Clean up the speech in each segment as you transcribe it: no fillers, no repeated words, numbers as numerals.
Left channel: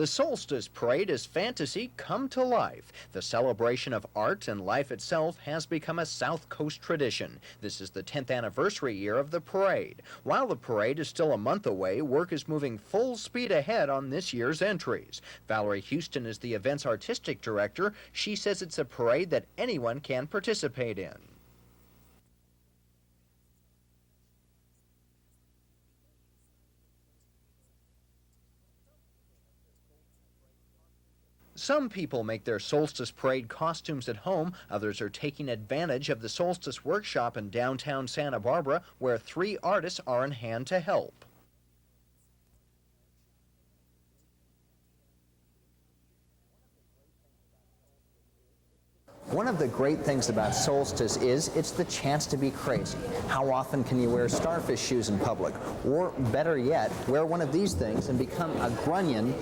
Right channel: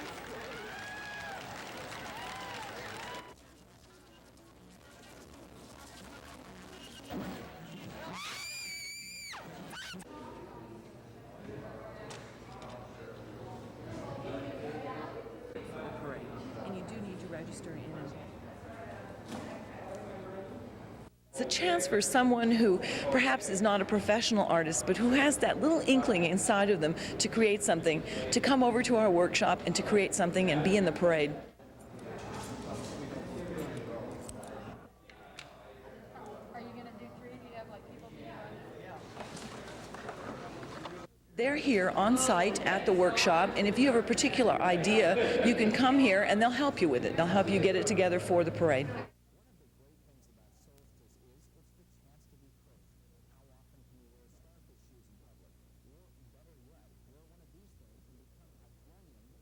The Solstice Parade is fantasy come to life. The celebration of art and life itself has become a South Coast tradition. This is the 10th anniversary year of the parade. While the parade is still a month away, work is moving full speed ahead on this year's entries. Valerie Huston is the event's artistic director. She says it's a parade that anyone can participate in. It's a chance for someone who perhaps is not a professional artist, but who has that little inkling inside of them to create something, to come over to our workshop and to create something and be in the parade. Some people make their Solstice Parade costumes at home. Others are taking advantage of the Solstice Workshop in downtown Santa Barbara, where 3 artists are on hand to help. They're here on site at the workshop, and if you have a particular idea, you can come here and they'll help you with it. They'll help you get it together for the parade. One of the great things about Solstice is it's the chance to be crazy. How often can you wear starfish shoes in public? Or better yet, wear one of these things and become a grunion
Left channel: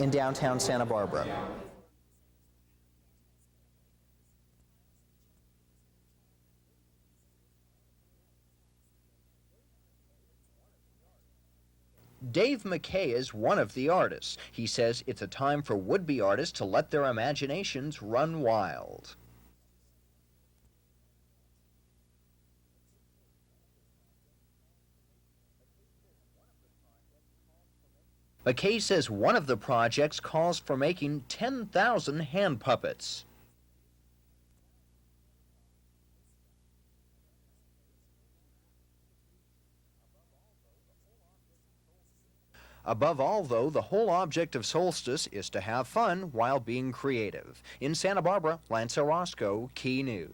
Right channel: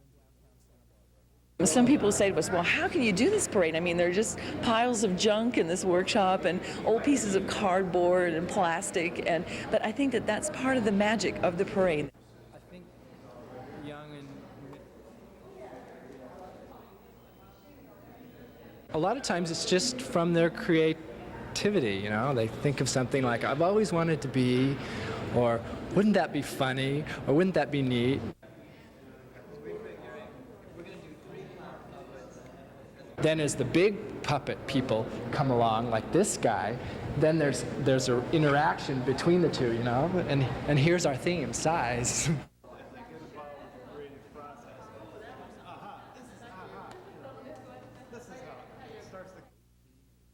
in downtown Santa Barbara. Some people say to us, well, how can you do this parade? I mean, there are just piles of junk in this workshop and old pieces of cardboard and plastic, but I think that that's part of the magic of the parade. Dave McKay is one of the artists. He says it's a time for would-be artists to let their imaginations run wild. A lot of times it's just from their creativity, you know. They think of something like, I've always wanted to be, or wouldn't that be funny, or wouldn't that be neat? McKay says one of the projects calls for making 10,000 hand puppets. Then as the big puppet people come along, like this guy, then there's an interaction between the two, you know, and here's our theme, size. Above all, though, the whole object of Solstice is to have fun while being creative. In Santa Barbara, Lance Orozco, KEY News.